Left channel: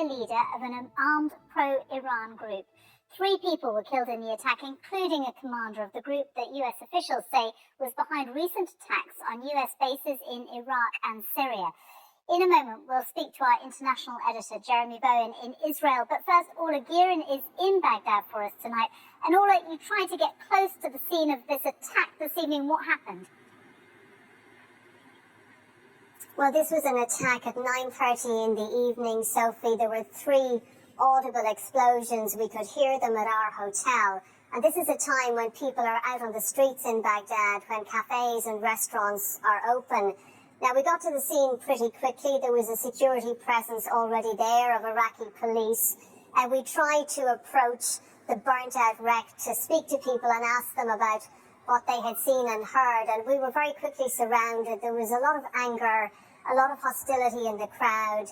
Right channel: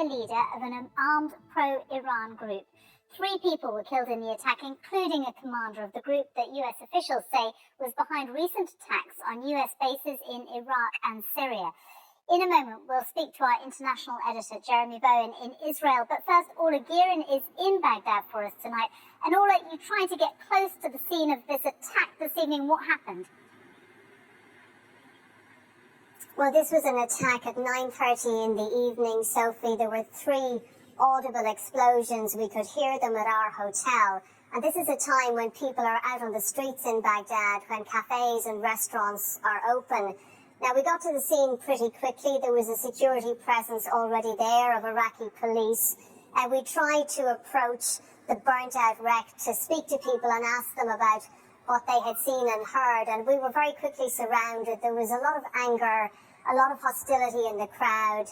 senior leader of an armed pro-Iran group. 3 people were killed in the attack, including a commander of the group that US officials say was behind recent attacks on US bases in Iraq and Syria. In a moment, we'll speak to our international editor, Jeremy Bowen, in Israel. But first, Orla Gearin is in Baghdad for us tonight. And Orla, you tried to get close to the scene of this attack this evening. What happened? Well, this was an attack at 9:30 in the evening, Sophie. There were 3 audible explosions. We could hear them at our hotel. And this is a time when people are out on the streets in Baghdad, when cafes and restaurants are open. Now, we got to the scene pretty quickly. There was a security presence already there of Iraqi police. And we tried to approach the burnt-out wreck to speak to people and ask them about what they had seen and heard. And we were very quickly surrounded. There was a lot of anger, a lot of hostility in the crowd.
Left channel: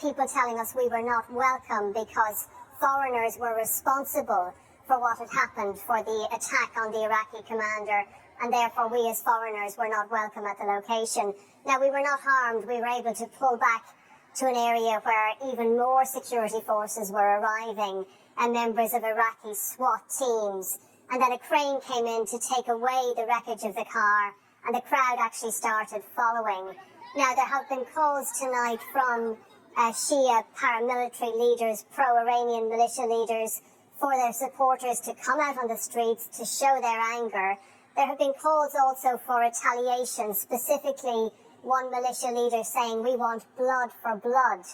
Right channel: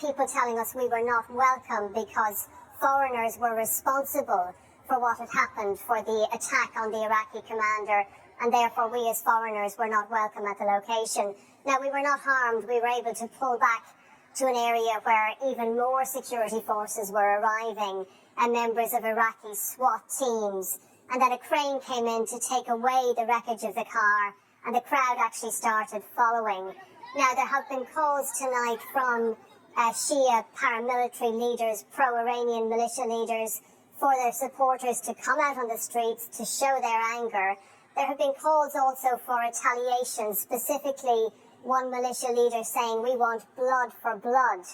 People telling us we were not welcome because foreigners were responsible for what had happened, for the attack on the Iraqi commander, and therefore we as foreigners were not welcome at the location. Now, we were not harmed. We were able to pull back to an area where even more security forces were arriving and members of Iraqi SWAT teams. And then a crane came in to take away the wreckage of the car, and the crowd actually started following. Now, there have been calls tonight from Shia paramilitary leaders, pro-Iranian militia leaders, for their supporters to come out on the streets to show their anger. There have been calls also for retaliation, specifically one militia leader saying, "We want blood for blood."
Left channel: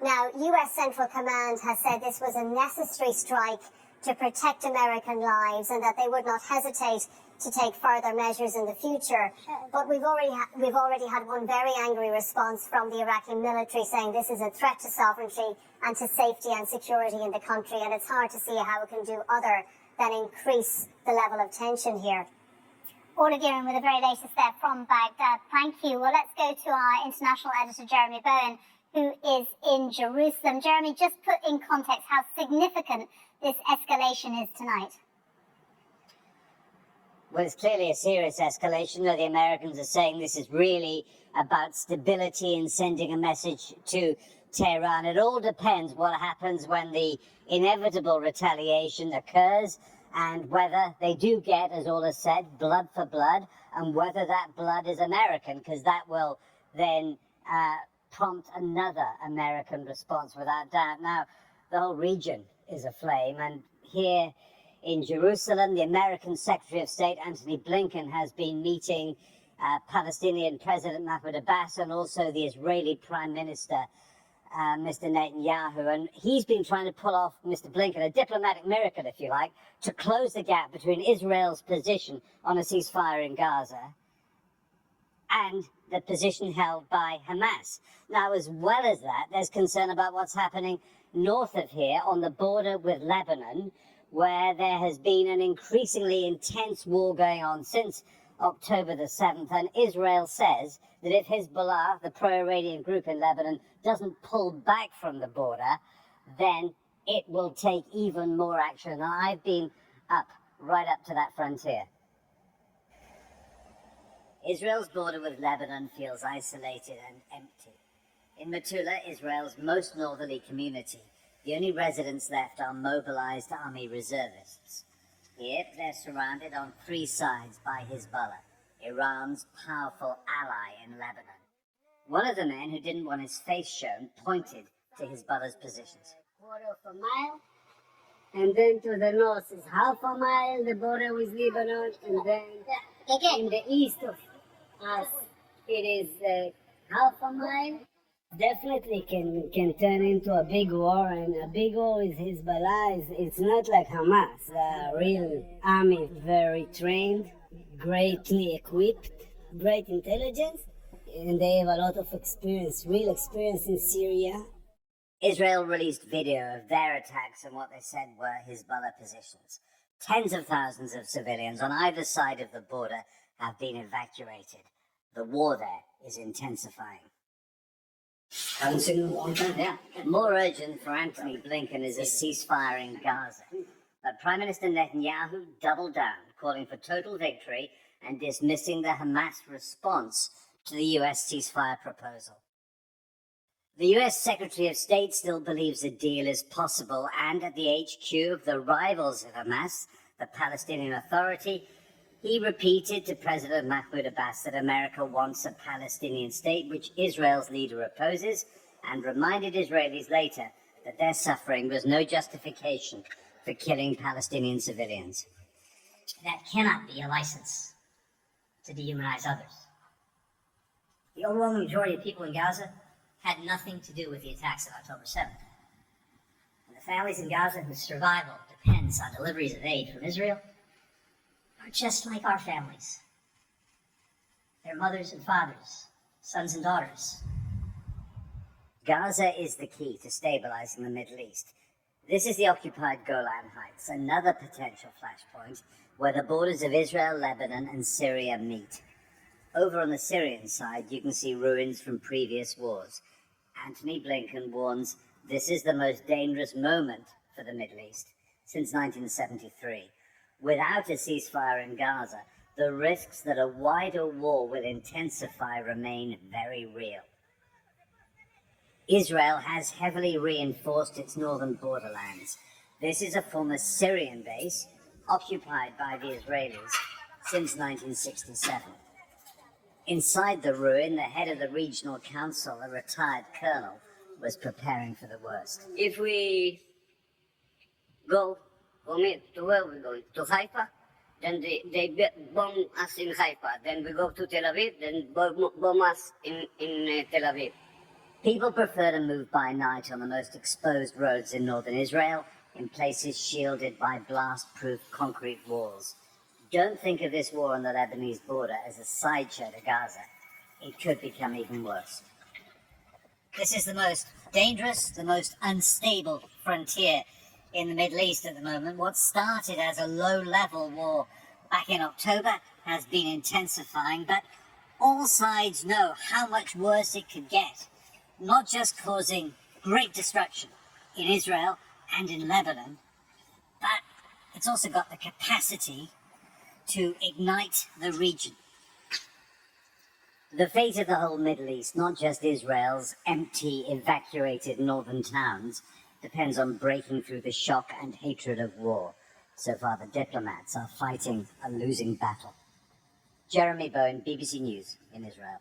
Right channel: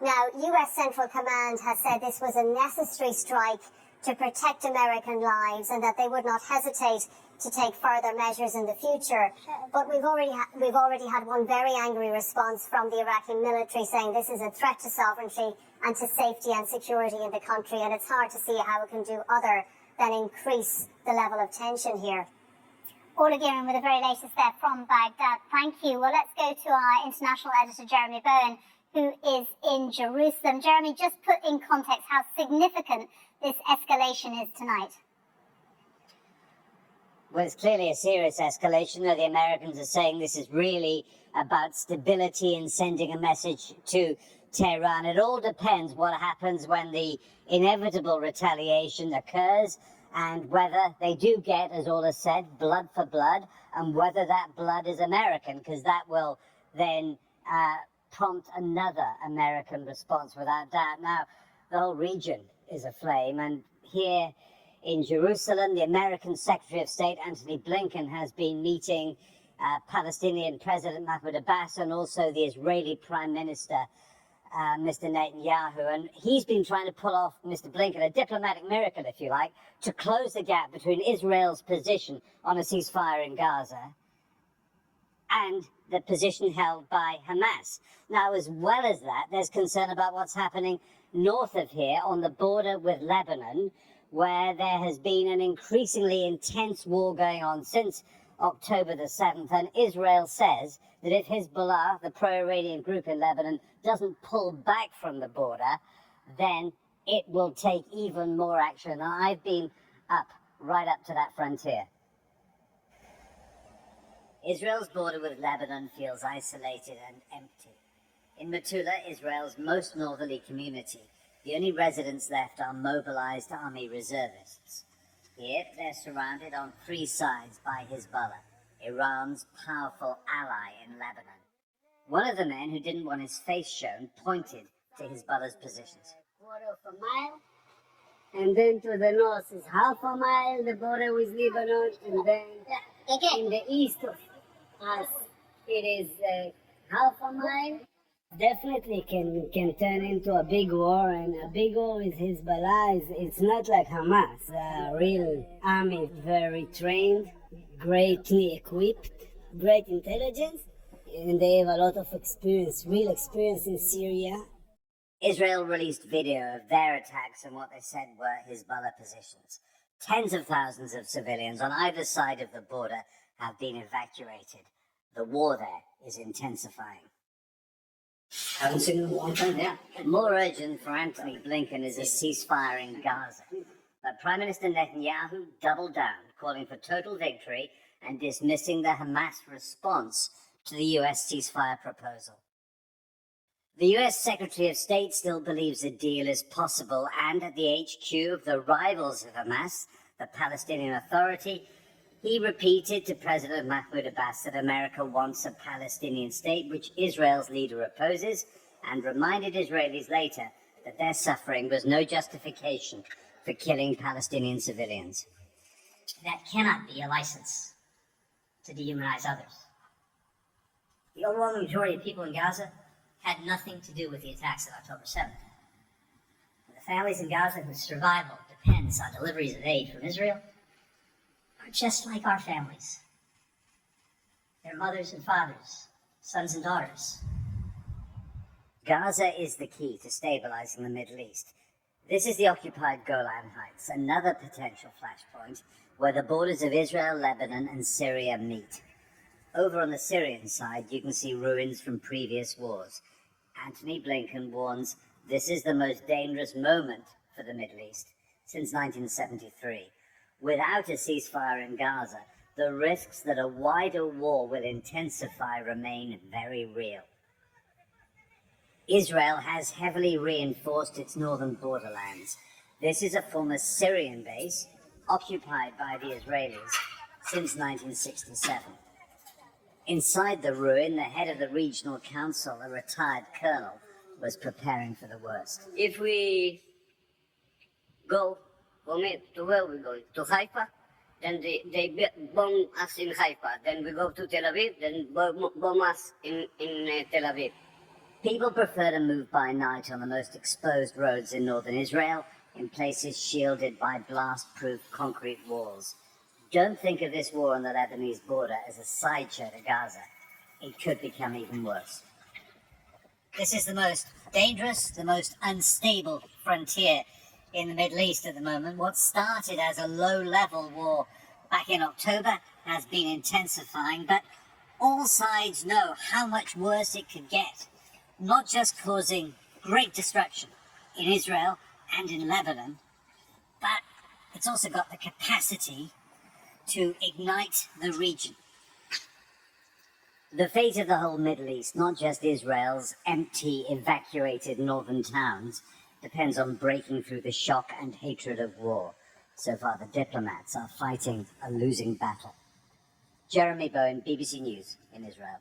Now, US Central Command has said this was a necessary strike to protect American lives and that they would not hesitate to take further measures in the future. But we've already had one very angry response from the Iraqi military saying this is a threat to sovereignty and to safety and security in the country, and it's hard to see how it can do other than increase the level of tension here. Orla Gearin with the very latest there from Baghdad. Thank you. Well, let's go to our international editor, Jeremy Bowen, who is in Jerusalem. Jeremy, just put in context how significant this escalation is tonight. Well, it's clearly a serious escalation. The Americans are saying this is really about stability and sending a message to Tehran. It all depends what happens when the inevitable retaliation occurs, and whether they do get, as Orla said, blood for blood, and whether that blood is American, because that will then prompt another American response without doubt. Now, the whole region is aflame, and here in Jerusalem, the American Secretary of State, Antony Blinken, has been meeting Palestinian President Mahmoud Abbas and also the Israeli Prime Minister, Mr. Netanyahu, and he's been trying to pull off, Mr. Blinken, a diplomatic miracle, if you like, to close the gap between Israel's position on a ceasefire in Gaza and the position held by Hamas. Now, as well as that, there's concern about what's happening north of here on the border with Lebanon, where there has been an increasingly intense war going on since October the 7th, and Israel says that if Hezbollah, the pro-Iranian group in Lebanon, doesn't pull back from the border, then it will take even more action. And I've been right up to that frontier. Israel's border with Lebanon feels isolated and empty. In Metula, Israel's most northerly community, the only residents left are mobilized army reservists. Here, they're surrounded on 3 sides by Hezbollah, Iran's powerful ally in Lebanon. One of the men who didn't want his face shown pointed to Hezbollah's positions. Quarter of a mile, and then to the north is half a mile, the border with Lebanon, and then in the east of us, it is half a mile. Definitely can turn into a big war, and a big war with Hezbollah. It's not like Hamas, a real army, very trained, greatly equipped, great intelligence, and they have a lot of experience, real experience in Syria. Israel released video of their attacks and what they said were Hezbollah positions. Tens of thousands of civilians on either side of the border have been evacuated. The war there is intensifying. Haven't seen it in a long time, yeah. More urgent for Antony Blinken is a ceasefire in Gaza. But Prime Minister Netanyahu doubled down, calling for total victory and dismissing the Hamas response to the US ceasefire proposal. The US Secretary of State still believes a deal is possible, and at the HQ of the rivals of Hamas, the Palestinian Authority, he repeated to President Mahmoud Abbas that America wants a Palestinian state, which Israel's leader opposes, and reminded Israelis later that their suffering was no justification for killing Palestinian civilians. That cannot be a license to dehumanize others. The overwhelming majority of people in Gaza had nothing to do with the attacks of October 7th. And the families in Gaza whose survival depends on deliveries of aid from Israel are just like our families. Their mothers and fathers, sons and daughters. Gaza is the key to stabilizing the Middle East. This is the occupied Golan Heights, another potential flashpoint where the borders of Israel, Lebanon, and Syria meet. Over on the Syrian side, you can see ruins from previous wars. Antony Blinken warns this is the most dangerous moment for the Middle East since 1973. Without a ceasefire in Gaza, the risks that a wider war will intensify remain very real. Israel has heavily reinforced its northern borderlands. This is a former Syrian base occupied by the Israelis since 1967. Inside the ruin, the head of the regional council, a retired colonel, was preparing for the worst. If we go from it to where we go, to Haifa, then they bomb us in Haifa. Then we go to Tel Aviv, then bomb us in Tel Aviv. People prefer to move by night on the most exposed roads in northern Israel, in places shielded by blast-proof concrete walls. Don't think of this war on the Lebanese border as a sideshow to Gaza. It could become even worse. This is the most dangerous, the most unstable frontier in the Middle East at the moment. What started as a low-level war back in October has been intensifying, but all sides know how much worse it could get, not just causing great destruction in Israel and in Lebanon, but it's also got the capacity to ignite the region. The fate of the whole Middle East, not just Israel's empty, evacuated northern towns, depends on breaking through the shock and hatred of war. So far, the diplomats are fighting a losing battle. Jeremy Bowen, BBC News in Israel.